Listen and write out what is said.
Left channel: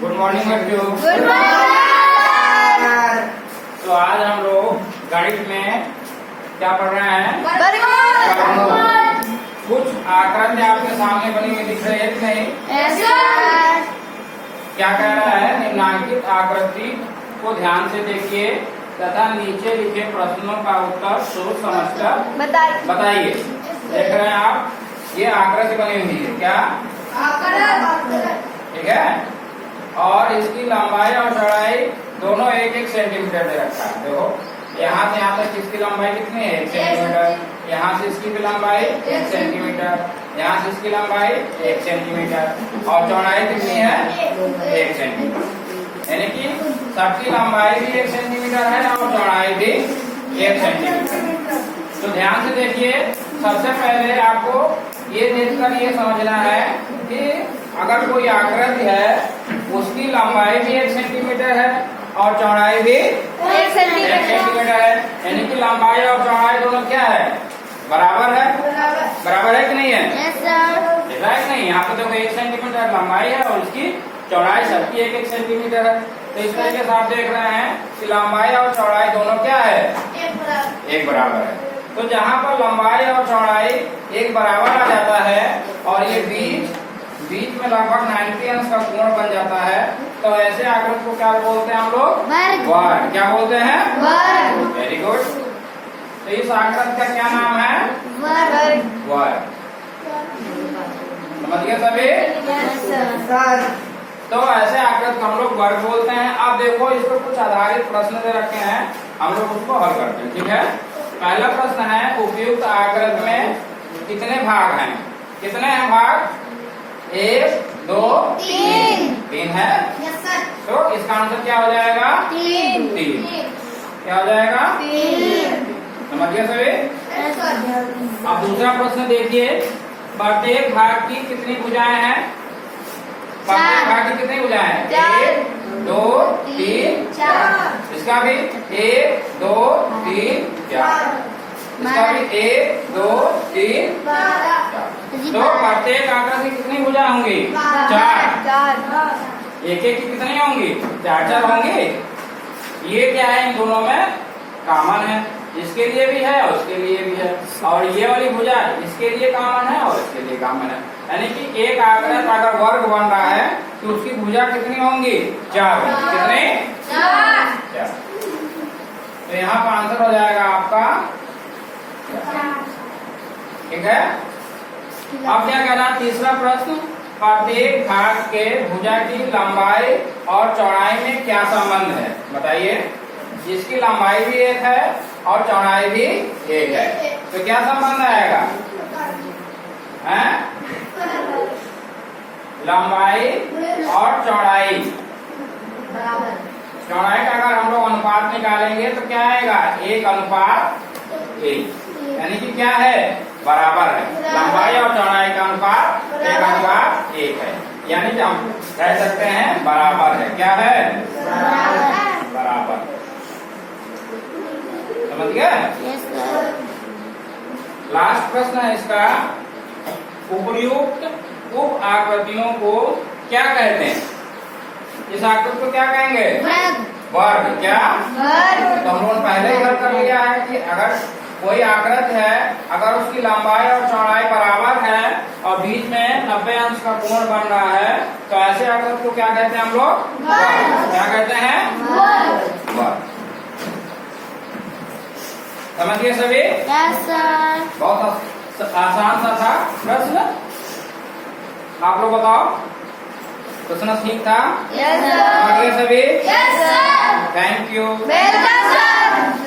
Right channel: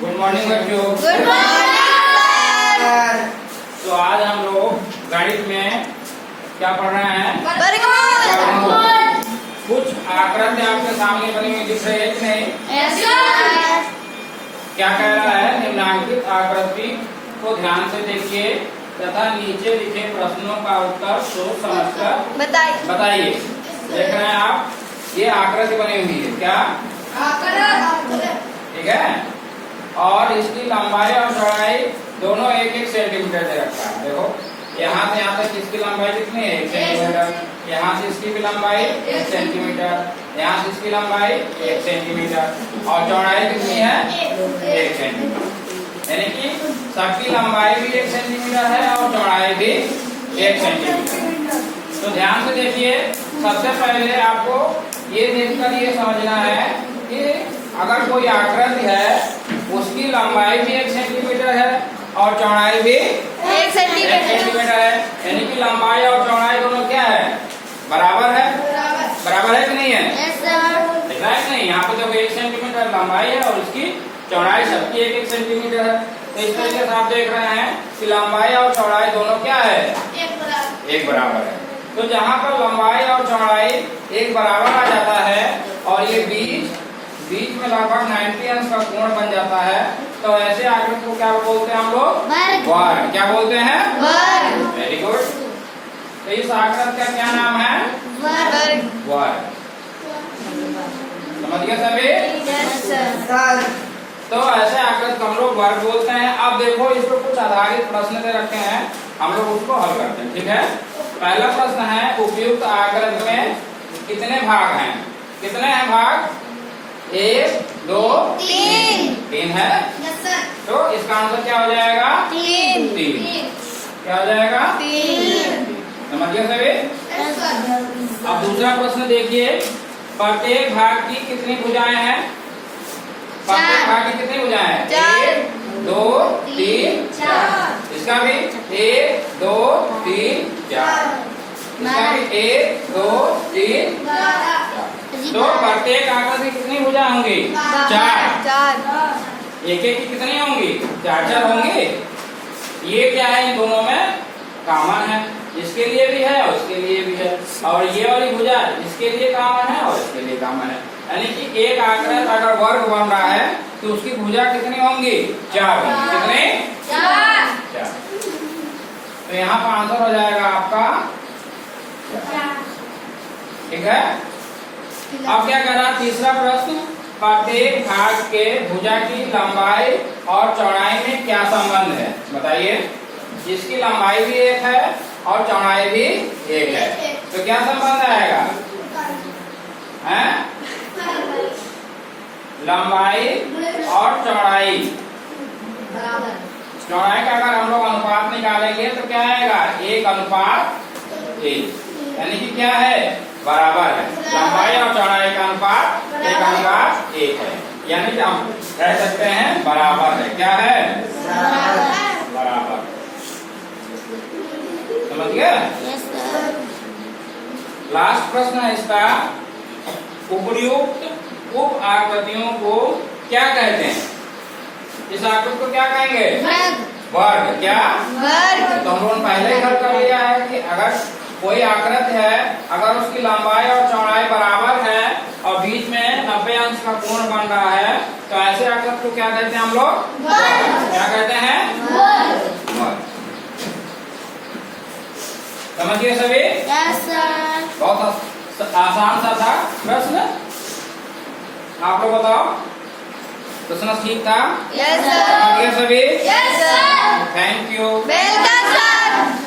Good morning बच्चों। Good morning. तो आज हम लोग गणित में क्या पढ़ रहे हैं? वर्गमूल। कुछ आकृति आपके सामने बनी हुई दिख रही है कि नहीं? Yes sir. क्या कह रहा है? निम्नांकित आकृति को ध्यान से देखिए तथा नीचे लिखे प्रश्नों का उत्तर सोच समझकर बताइए। देख रहे हैं आप, ये आकृति बनी हुई है क्या? ठीक है। और इसकी लंबाई और चौड़ाई दोनों 1-1 सेंटीमीटर दे रखा है। देखो यहाँ से यहाँ तक इसकी लंबाई कितनी है? 1 सेंटीमीटर। यहाँ से इसकी भी लंबाई 1 सेंटीमीटर। यहाँ से इसकी लंबाई 1 सेंटीमीटर और चौड़ाई कितनी है? 1 सेंटीमीटर। यानी कि सबकी लंबाई भी 1 सेंटीमीटर है और चौड़ाई भी 1 सेंटीमीटर। तो ध्यान से देखिए, सबसे पहले आपको ये देखकर ये समझना है कि अगर कोई आकृति है उसकी लंबाई भी 1 सेंटीमीटर है और चौड़ाई भी 1 सेंटीमीटर है। यानी कि लंबाई और चौड़ाई दोनों क्या है? बराबर है। बराबर है कि नहीं है? Yes sir. देखा है कि नहीं? यहाँ पे तो 1 सेंटीमीटर लंबाई है और उसकी चौड़ाई सबकी 1-1 सेंटीमीटर है। तो इस तरीके से आप देख रहे हैं कि लंबाई और चौड़ाई दोनों क्या है? एक बराबर है। तो जहाँ पर लंबाई और चौड़ाई एक बराबर आ जाता है और ये बीच में लगभग 90 अंश का कोण बन जाता है, तो ऐसे आकृति को क्या बोलते हैं हम लोग? वर्ग। क्या बोलते हैं? वर्ग। Very good. तो इस आकृति का क्या नाम है? वर्ग। वर्ग। समझ गए सभी? Yes sir. तो ऐसे आकृति हम लोग वर्ग बोलते हैं। अब देखो, इस पर कुछ आधारित प्रश्न दे रखे हैं, हम लोग उसको हल करते हैं। ठीक है। पहला प्रश्न है, उपयुक्त आकृति में कितने भाग हैं? कितने हैं भाग? 1, 2, 3 है। Yes sir. तो इसका आंसर क्या हो जाएगा? 3। क्या हो जाएगा? 3। समझ गए सभी? Yes sir. अब दूसरा प्रश्न देखिए, प्रत्येक भाग की कितनी भुजाएं हैं? प्रत्येक भाग की कितनी भुजाएं हैं? 1, 2, 3, 4। इसका भी 1, 2, 3, 4। इसका भी 1, 2, 3, 4। तो प्रत्येक आकृति कितनी भुजाएं होंगी? 4। एक की कितनी होंगी? 4 होंगी। ये क्या है? इन दोनों में कॉमन है। इसके लिए भी है और इसके लिए भी है। और ये वाली भुजा इसके लिए कॉमन है और इसके लिए कॉमन है। यानी कि एक आकृति अगर वर्ग बन रहा है तो उसकी भुजा कितनी होंगी? 4 होंगी। कितनी? 4। तो यहाँ पर आंसर हो जाएगा आपका 4। ठीक है। अब क्या कहना? तीसरा प्रश्न, प्रत्येक भाग के भुजा की लंबाई और चौड़ाई में क्या संबंध है? बताइए। इसकी लंबाई भी 1 है और चौड़ाई भी 1 है, तो क्या संबंध आएगा? हैं? लंबाई और चौड़ाई का अगर हम लोग अनुपात निकालेंगे तो क्या आएगा? 1:1। यानी कि क्या है? बराबर है। लंबाई और चौड़ाई का अनुपात 1:1 है। यानी कि हम कह सकते हैं बराबर है। क्या है? बराबर। समझ गए? Yes sir. लास्ट प्रश्न है इसका, उपर्युक्त उप आकृतियों को क्या कहते हैं? इस आकृति को क्या कहेंगे? वर्ग। क्या? वर्ग। तो हम लोगों ने पहले ही हल कर लिया है कि अगर कोई आकृति है, अगर उसकी लंबाई और चौड़ाई बराबर है और बीच में 90 अंश का कोण बन रहा है, तो ऐसे आकृति को क्या कहते हैं हम लोग? वर्ग। क्या कहते हैं? वर्ग। समझिए सभी? Yes sir. बहुत आसान सा था प्रश्न। आप लोग बताओ, प्रश्न ठीक था? Yes sir. समझिए सभी? Yes sir. Thank you. Welcome sir.